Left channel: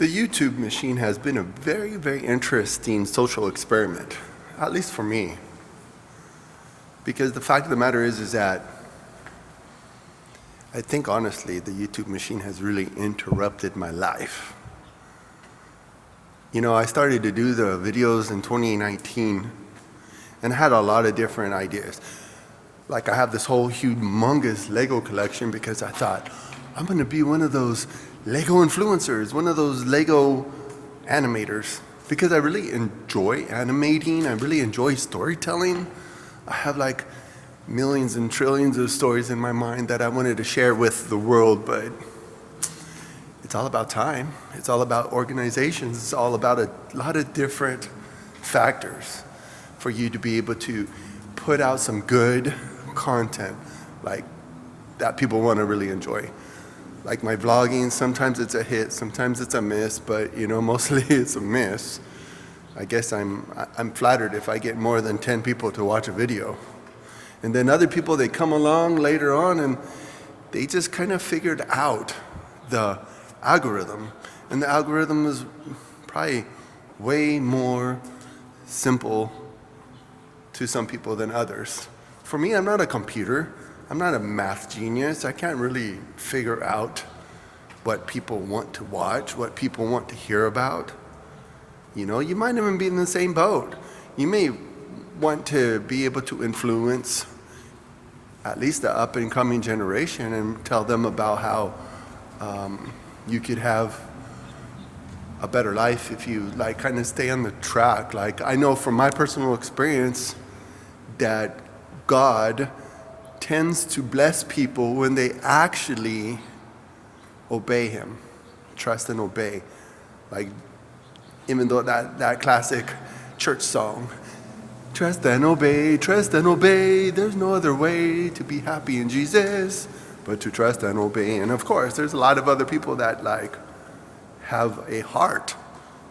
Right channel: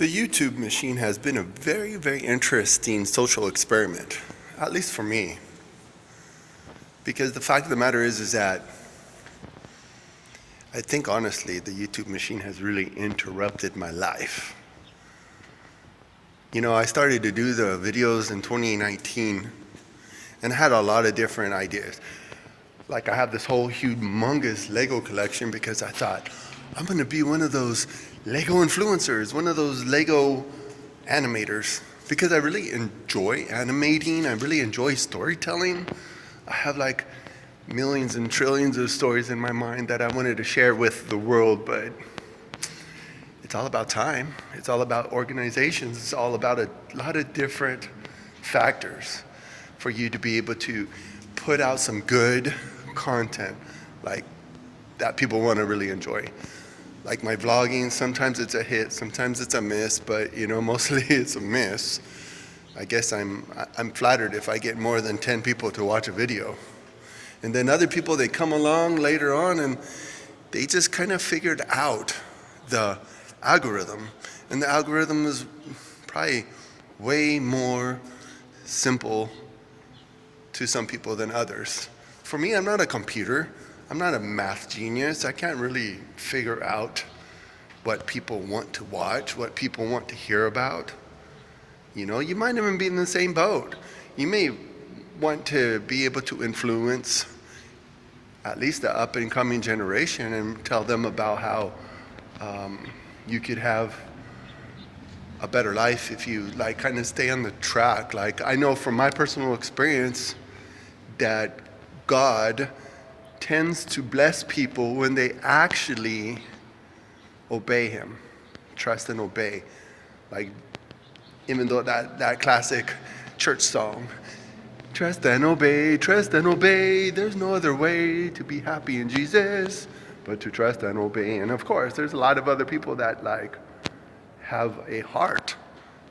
The YouTube machine has been a very, very interesting social experiment, at least for me. Because the fact of the matter is that I think honestly the YouTube machine has really interrupted my life. You know, I started to do the videos in 2019 and had a lot of different ideas. Like I have this whole humongous Lego collection because I thought, I'm gonna be one of those Lego influencers, one of those Lego animators, because I really enjoy animating, I really enjoy storytelling. I have like millions and trillions of stories in my mind that I wanted to share with the world, but it's all about time. It's all about organizations. It's all about a lot of different factors for you to be able to put out some good content like that people want to really enjoy. Like my vlogging, sometimes it's a hit, sometimes it's a miss, but you know, mostly it's a miss. I guess I'm flattered if I get more than 10 people to watch a video. And then other people, they come along later on and they just kind of figured out the algorithm. And the algorithm is probably way more simple to some people than others. For me, I'm not a computer. I'm not a math genius. I can't really figure out what people want to watch, what people want to hear about. You know, you might even be in the same boat. You may want to be able to influence at least the up and coming generation and tell them about how you could have a better life if you like kind of stay on the track. Like I know from my personal experience that God tends to bless people when they actually obey him, trust and obey. Like even though that classic church song, trust and obey, there's no other way to be happy in Jesus but to trust and obey. And of course, there's a lot of other people that like have a heart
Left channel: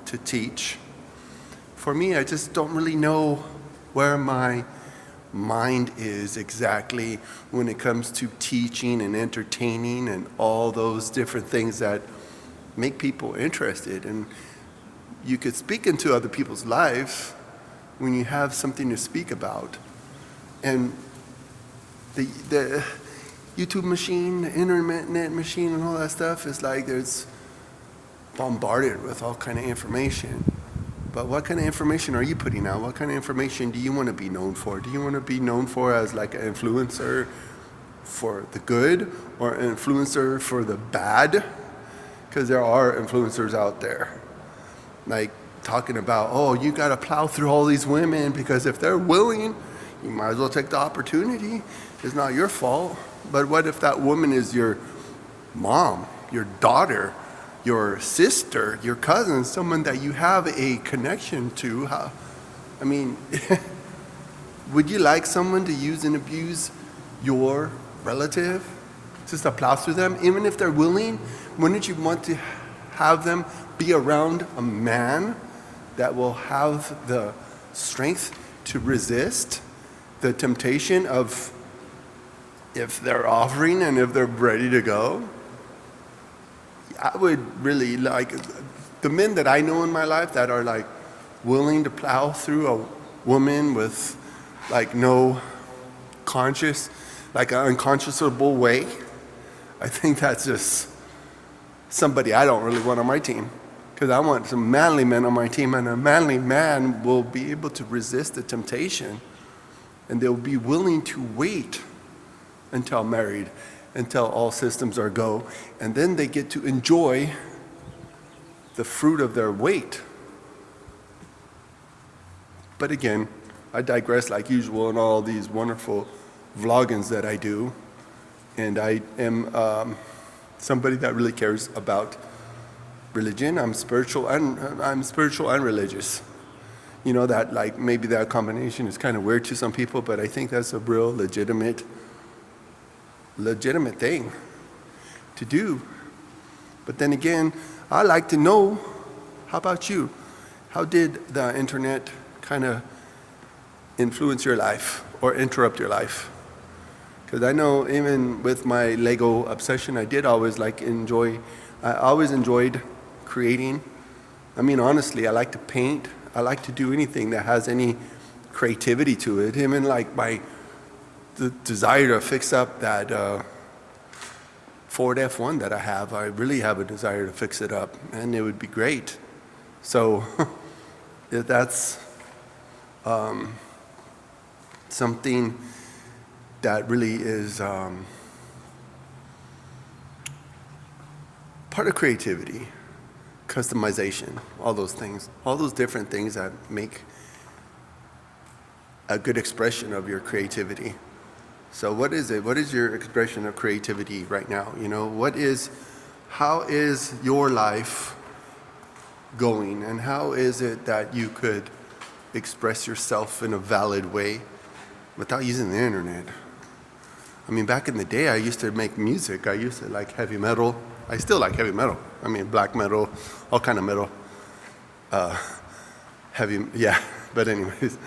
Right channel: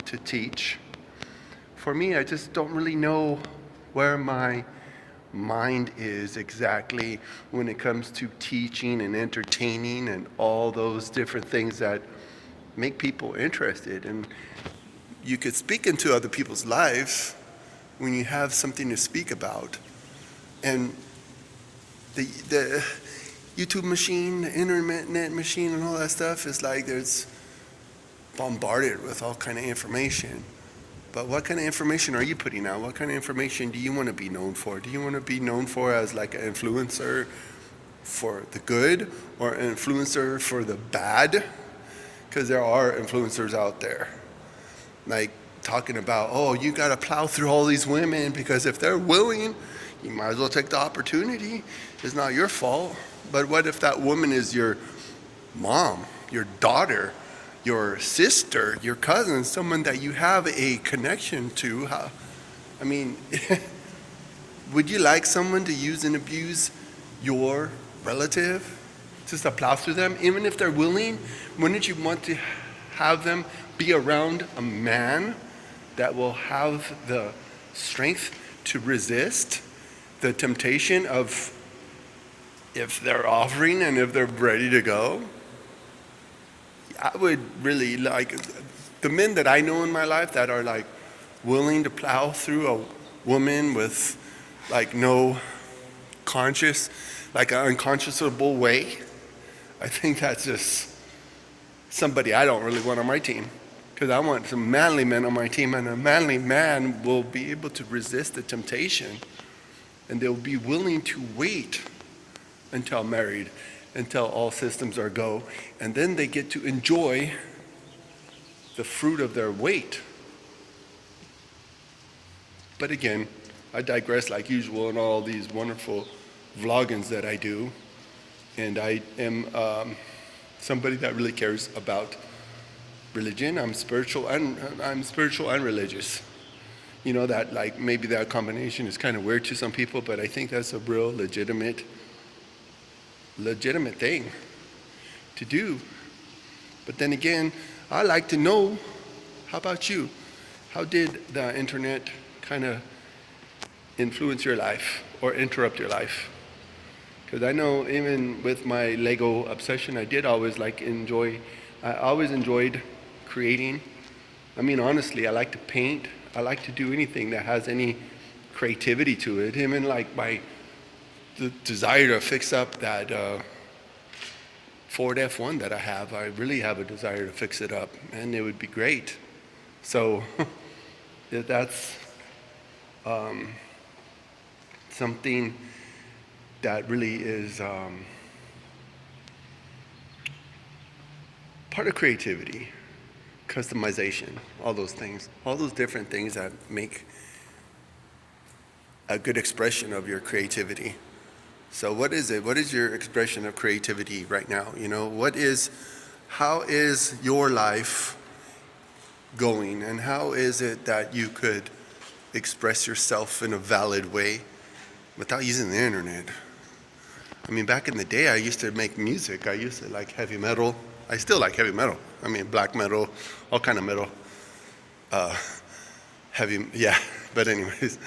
to teach. For me, I just don't really know where my mind is exactly when it comes to teaching and entertaining and all those different things that make people interested. And you could speak into other people's lives when you have something to speak about. And the YouTube machine, the internet machine and all that stuff is like there's bombarded with all kind of information. But what kind of information are you putting out? What kind of information do you want to be known for? Do you want to be known for as like an influencer for the good or an influencer for the bad? Because there are influencers out there like talking about, oh, you got to plow through all these women because if they're willing, you might as well take the opportunity. It's not your fault. But what if that woman is your mom, your daughter, your sister, your cousin, someone that you have a connection to? I mean, would you like someone to use and abuse your relative just to plow through them? Even if they're willing, wouldn't you want to have them be around a man that will have the strength to resist the temptation of if they're offering and if they're ready to go? I would really like the men that I know in my life that are like willing to plow through a woman with like no conscious, like an unconscionable way. I think that's just somebody I don't really want on my team, because I want some manly men on my team, and a manly man will be able to resist the temptation and they'll be willing to wait until married, until all systems are go, and then they get to enjoy the fruit of their wait. But again, I digress like usual in all these wonderful vloggings that I do, and I am somebody that really cares about religion. I'm spiritual and religious. You know that like maybe that combination is kind of weird to some people, but I think that's a real legitimate thing to do. But then again, I like to know, how about you? How did the internet kind of influence your life or interrupt your life? Because I know even with my Lego obsession, I always enjoyed creating. I mean, honestly, I like to paint. I like to do anything that has any creativity to it. Even like the desire to fix up that Ford F1 that I have. I really have a desire to fix it up, and it would be great. So that's something that really is part of creativity, customization, all those things, all those different things that make a good expression of your creativity. So what is it? What is your expression of creativity right now? You know, how is your life going, and how is it that you could express yourself in a valid way without using the internet? I mean, back in the day, I used to make music. I used to like heavy metal. I still like heavy metal. I mean, black metal, all kind of metal. Yeah. But anyways,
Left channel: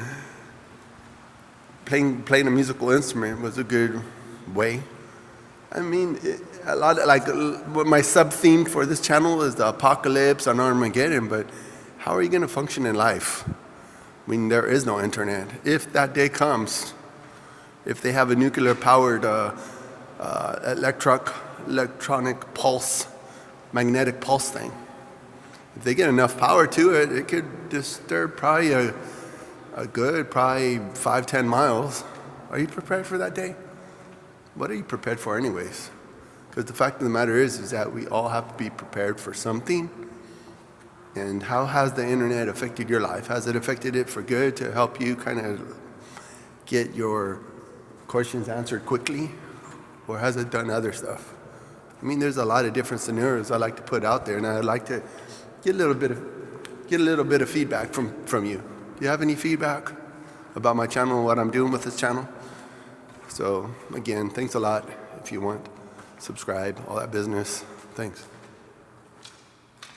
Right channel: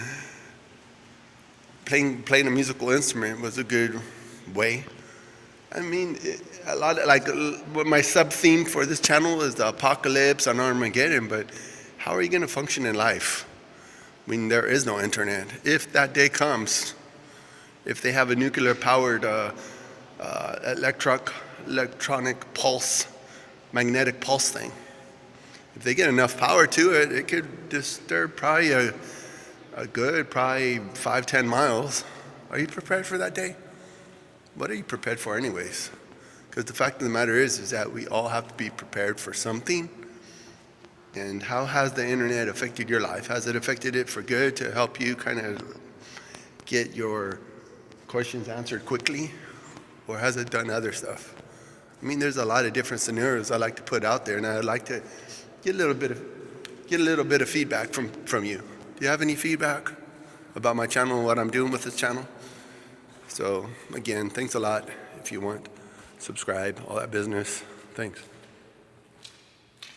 playing a musical instrument was a good way. I mean, a lot of, like, my sub-theme for this channel is the apocalypse and Armageddon, but how are you going to function in life when there is no internet? If that day comes, if they have a nuclear-powered electronic pulse, magnetic pulse thing, if they get enough power to it, it could disturb probably a good 5-10 miles. Are you prepared for that day? What are you prepared for anyways? Because the fact of the matter is that we all have to be prepared for something. And how has the internet affected your life? Has it affected it for good to help you kind of get your questions answered quickly? Or has it done other stuff? I mean, there's a lot of different scenarios I like to put out there, and I'd like to get a little bit of feedback from you. Do you have any feedback about my channel and what I'm doing with this channel? So again, thanks a lot. If you want, subscribe, all that business. Thanks.